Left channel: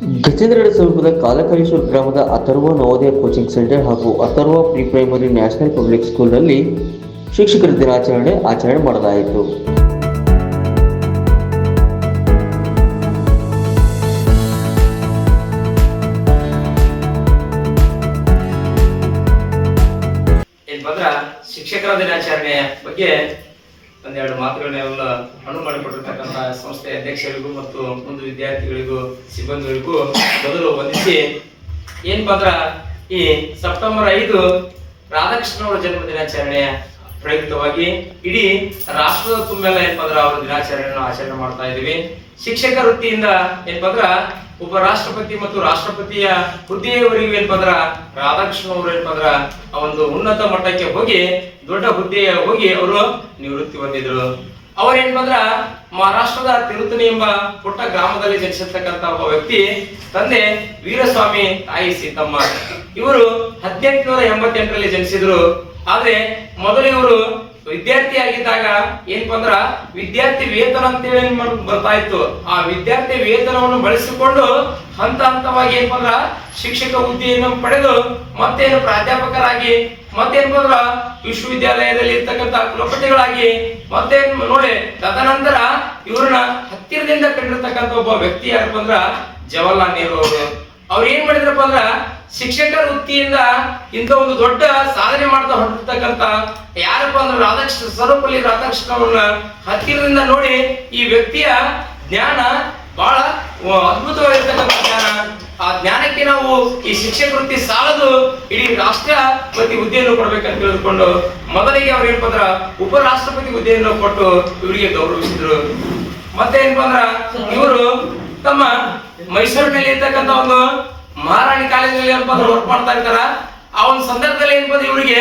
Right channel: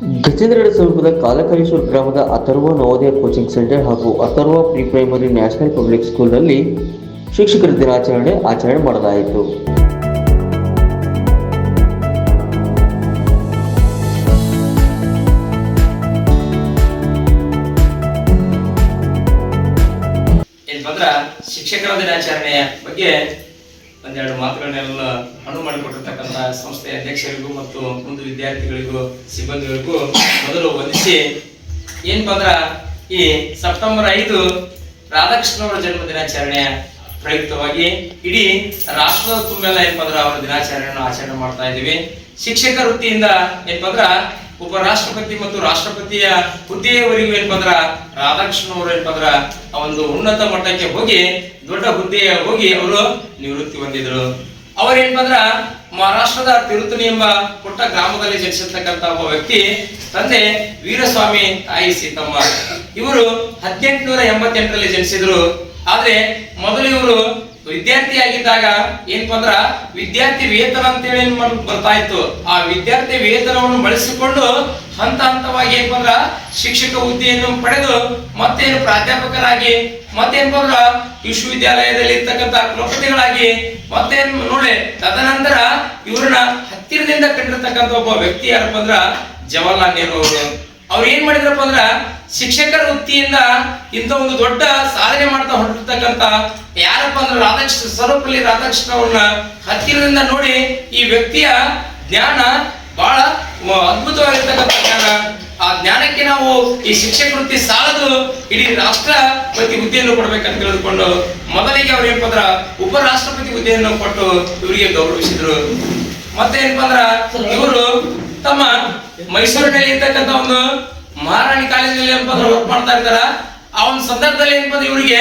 ಗಜೇಂದ್ರಗಡ ಸಮೀಪದ ಕಾಲಕರೇಶ್ವರ ಗ್ರಾಮದ Atharva Navodaya coaching centre ಹಾಗೂ Atharva pre primary national public ಸ್ಕೂಲ್ನಲ್ಲಿ ಶಿಕ್ಷಕರ ದಿನಾಚರಣೆ ಆಚರಣೆ ಮಾಡಲಾಯಿತು. ಶಿಕ್ಷಕರ ದಿನಾಚರಣೆಯ ಬಗ್ಗೆ ಒಂದೆರಡು ಮಾತುಗಳನ್ನೆಲ್ಲ ಅನುವು ಮಾಡಿಕೊಟ್ಟಿರ್ತಕ್ಕಂಥ ಸಂಸ್ಥೆಯ ಅಧ್ಯಕ್ಷರಿಗೂ ಮತ್ತು ಮುಂದೆ ವಿದ್ಯಾರ್ಥಿಗಳಿಗೂ, ಸಿಬ್ಬಂದಿಗಳಿಗೂ ಮೊದಲು ವಂದಿಸಿ ಏನಪ್ಪ ಬಂದ್ರ ಈ ಸೆಪ್ಟೆಂಬರ್ ಐದು ರಾಧಾಕೃಷ್ಣ ಅವರ ಜನ್ಮ ದಿನಾಚರಣೆಯ ಪ್ರಯುಕ್ತವಾಗಿ ಇಡೀ ರಾಷ್ಟ್ರದ ತುಂಬೆಲ್ಲ ಏನಪ್ಪ ಅಂದ್ರ ಅವರ ದಿನಾಚರಣೆಯನ್ನು ಆಚರಣೆ ಮಾಡ್ತಾ ಇದ್ದೀವಿ. ಶಿಕ್ಷಕ ವೃತ್ತಿಯಿಂದ ಏನಪ್ಪ ಅಂದ್ರ ಒಬ್ಬ ರಾಷ್ಟ್ರಪತಿ ಮತ್ತು ರಾಷ್ಟ್ರಪತಿಯ ಹುದ್ದೆಯವರಿಗೆ ಬಂದ್ರ ರಾಧಾಕೃಷ್ಣ ಅವರು ಆ ಒಂದು ಉನ್ನತ ಮಟ್ಟಕ್ಕೆ ಹೋಗಿ, ದೊಡ್ಡ ಹುದ್ದೆಯ ಹೋಗಿ ಅವರು ನಿವೃತ್ತಿ ಹೊಂದಿದ್ರು. ಅವರೇನ್ಪಂದ್ರ ಮಹಾರಾಷ್ಟ್ರದ ತಿರುತನಿ ಎಂಬ ಪುಟ್ಟ ಗ್ರಾಮದಲ್ಲಿ ಜನಿಸಿರ್ತಕ್ಕಂತ ಒಬ್ಬ ವ್ಯಕ್ತಿ, ತಂದೆ ವೀರಸ್ವಾಮಿ ತಾಯಿ ಸೀತಮ್ಮ. ಇವರು ಹದಿನೆಂಟುನೂರ ಎಂಬತ್ತೆಂಟರಲ್ಲಿ ಜನಿಸಿದ್ರು. ಆದ್ರೆ ಮೊದಲು ಇವರು ವಿದ್ಯಾರ್ಥಿಯಾಗಿದ್ದಾಗ ಏನಪ್ಪ ಅಂದ್ರ ವಿದ್ಯಾರ್ಥಿ ವೇತನ ಅಂತೇಳಿ ಏನ್ ಬರ್ತಾ ಇತ್ತು. ಆ ವಿದ್ಯಾರ್ಥಿ ವೇತನವನ್ನು ಬಳಸಿಕೊಂಡು ಹಂತ ಹಂತವಾಗಿ ಏನಪ್ಪ ಅಂದ್ರ ಶಿಕ್ಷಕ ಹುದ್ದೆಯನ್ನು ಪಡೆದು ಮತ್ತೇನು ಪ್ರಾಧ್ಯಾಪಕರಾಗಿ ಮತ್ತೇನಪ್ಪ ಅಂದ್ರ ವಿಶ್ವವಿದ್ಯಾಲಯದಲ್ಲಿ ಇರ್ತಕ್ಕಂಥ ಕುಲಪತಿಗಳಾಗಿ, ಮತ್ತೇನ್ ನೋಡಿ, ತದನಂತರ ಇವ್ರನ್ನ ಹತ್ತಿರದಿಂದ ಕಂಡಿರ್ತಕ್ಕಂಥ ಒಬ್ಬ ವ್ಯಕ್ತಿ ಯಾರಪ್ಪ ಅಂದ್ರ ಜವಾಹರ್ಲಾಲ್ ನೆಹರು ಅವರು ಅವ್ರು ಏನ್ ಮಾಡಿದ್ರಪ್ಪ ಅಂದ್ರ ಶಿಕ್ಷಕರ ವೃತ್ತಿಯಿಂದ ಇಂಥ ಒಂದು ದೊಡ್ಡ ಸಾಧನೆ ಮಾಡ್ತಾ ಹೊರಟಿರ್ತಕ್ಕಂಥ ಯಾರಪ್ಪ ಅಂದ್ರೆ ರಾಧಾಕೃಷ್ಣ ಸರ್ವಪಲ್ಲಿ ರಾಧಾಕೃಷ್ಣ ಅವ್ರನ್ನ ಹತ್ತಿರದಿಂದ ನೋಡಿ ಈ ವ್ಯಕ್ತಿಯ ಜ್ಞಾನ ಬಹಳ ಅದ್ಭುತವಾಗಿರ್ತಕ್ಕಂಥ ಜ್ಞಾನ. ಆ ಜ್ಞಾನಕ್ಕೆ ನಾವು ಈ ಶಿಕ್ಷಕ ವೃತ್ತಿ ಸಾಲದು ಇಡೀ ರಾಷ್ಟ್ರಪತಿ ಹುದ್ದೆಯನ್ನು ಕೊಡ್ಬೇಕಂತ ತಿಳಿದುಕೊಂಡು ಮೊದಲಿಗೆ ಅವ್ರು ಏನಪ್ಪ ಅಂದ್ರ ಉಪರಾಷ್ಟ್ರಪತಿ ಹುದ್ದೆಯನ್ನು ಕೊಟ್ಟು ಇವರಿಗೆ ಗೌರವಿಸಿದ್ರು. ಮತ್ತೆ ಏನಪ್ಪ ಅಂದ್ರ ಇವರು ತಮ್ಮ ಮೈಸೂರಿನಲ್ಲಿ ಇರ್ತಕ್ಕಂಥ ಒಂದು ಮಹಾರಾಣಿ ಕಾಲೇಜಿನಲ್ಲಿ ಏನಪ್ಪ ಅಂದ್ರೆ ವರ್ಕ್ ಮಾಡ್ತಾ ಇರ್ತಾರ. ಆ ಒಂದು ಸಂದರ್ಭದಲ್ಲಿ ಏನಪ್ಪ ಅಂದ್ರೆ ಇವರಿಗೆ?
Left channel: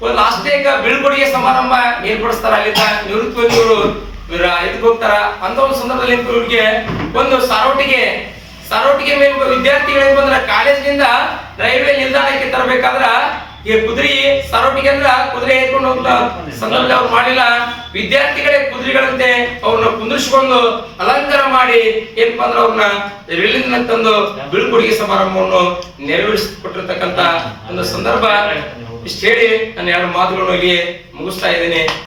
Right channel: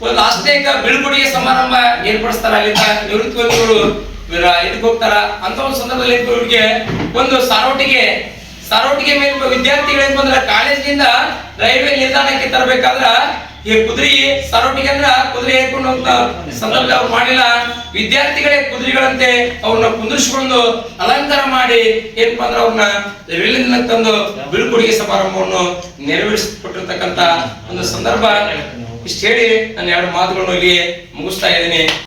ಒಂದು ಆಸ್ತಿಕ ಬೀಳ್ಕೊಡುಗೆ ಸಮಾರಂಭ ಏರ್ಪಡಿಸ್ತಾರ. ಅಲ್ಲಿಂದ ನಿವೃತ್ತಿ ಹೊಂದಿ ಇವರು ಇದಕ್ಕೆ ಹೋಗ್ತಾರ. ಅಂತ ಒಂದು ಸಂದರ್ಭದಲ್ಲಿ ಇವರಿಗೆ? ಒಂದು ಸಾರೋಟಿಗೆ ಸಾರೋಟಿಗೆ ಮೇಲೆ ವಿದ್ಯಾರ್ಥಿಗಳು ಬಂದ್ರೆ ಕಾಲೇಜಿನಿಂದ ರೈಲ್ವೆ ನಿಲ್ದಾಣಕ್ಕೆ ತರಬೇಕಾದ್ರ ಈ ಕುದುರೆ ಸಾರೋಟಿಗೆ ಅಂದ್ರ ಕುದುರೆ ಏರ್ಕೊಂಡು ಹೋಗ್ತಾ ಸಂದರ್ಭದಲ್ಲಿ ಅವ್ರು ಮಾಡಿಲ್ಲ. ವಿದ್ಯಾರ್ಥಿಗಳೇ ಕುದುರೆಗಳಂತೆ ಅವ್ರನ್ನ ಕುಂದಿರಿಸಿಕೊಂಡು ಅಲಂಕಾರ ಮಾಡಿ ಏನಪ್ಪಾ ಅಂದ್ರೆ ಅವ್ರನ್ನ ರೈಲಿನ ತಂದು ಬೀಳ್ಕೊಡುಗೆ ಸಮಾರಂಭವನ್ನು ನೆರವೇರಿಸಿಕೊಟ್ಟಿರ್ತಕ್ಕಂತ ಒಂದು ಸಂದರ್ಭ. ಇಷ್ಟು ಹೇಳಿ ನನ್ನ ಎರಡು ಮಾತುಗಳನ್ನು ಇಲ್ಲಿ ಮುಗಿಸ್ತಾ ಇದ್ದೀನಿ.